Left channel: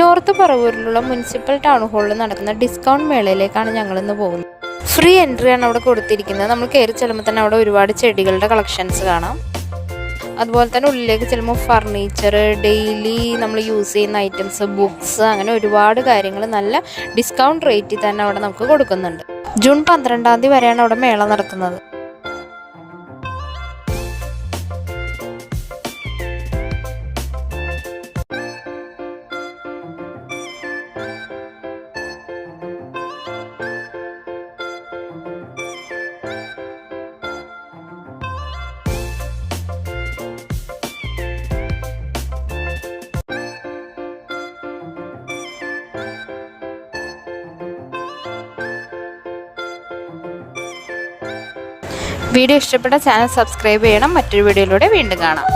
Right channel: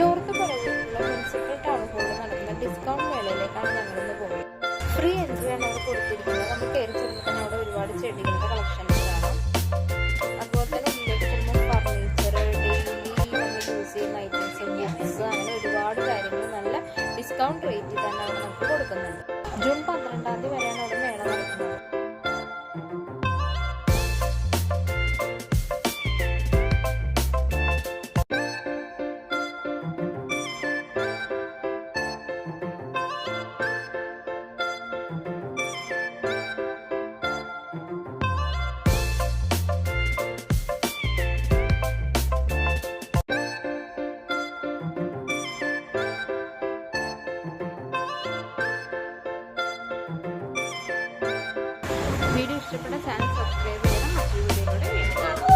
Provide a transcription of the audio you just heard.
North പറവൂരിലുള്ള municipal town ഹാളിൽ നടക്കുന്ന discount മേളയിലേക്കാണ് ഞങ്ങളിന്ന് പോകുന്നത്. ഫ്രീ എൻട്രി ആണ് അവിടെ കൊടുത്തിരിക്കുന്നത്. നമ്മൾ കയറി ചെല്ലുമ്പോൾ തന്നെ അവിടെ ഒരുപാട് ചെടികളുടെ കളക്ഷൻസ് കാണാം. അതുപോലെ തന്നെ ഉള്ളിലേക്ക് ചെല്ലുമ്പോൾ ഫർണിച്ചർ, ഡെയിലി നമ്മൾ യൂസ് ചെയ്യുന്ന ഐറ്റംസ്, ബുക്സ്, അങ്ങനെ ഒരുപാട് കാര്യങ്ങൾ നല്ല ഡിസ്കൗണ്ട് റേറ്റിൽ തന്നെ അവിടെ നമുക്ക് കൊടുക്കുന്നുണ്ട്. ജൂൺ 12-ാം തീയതി വരെയാണ് അവിടെ മേള നടത്തുന്നത്. വീഡിയോ ഇഷ്ടപ്പെട്ട ചാനൽ സബ്സ്ക്രൈബ് ചെയ്യണം. മറ്റൊരു വീഡിയോയിലൂടെ വീണ്ടും കാണാം.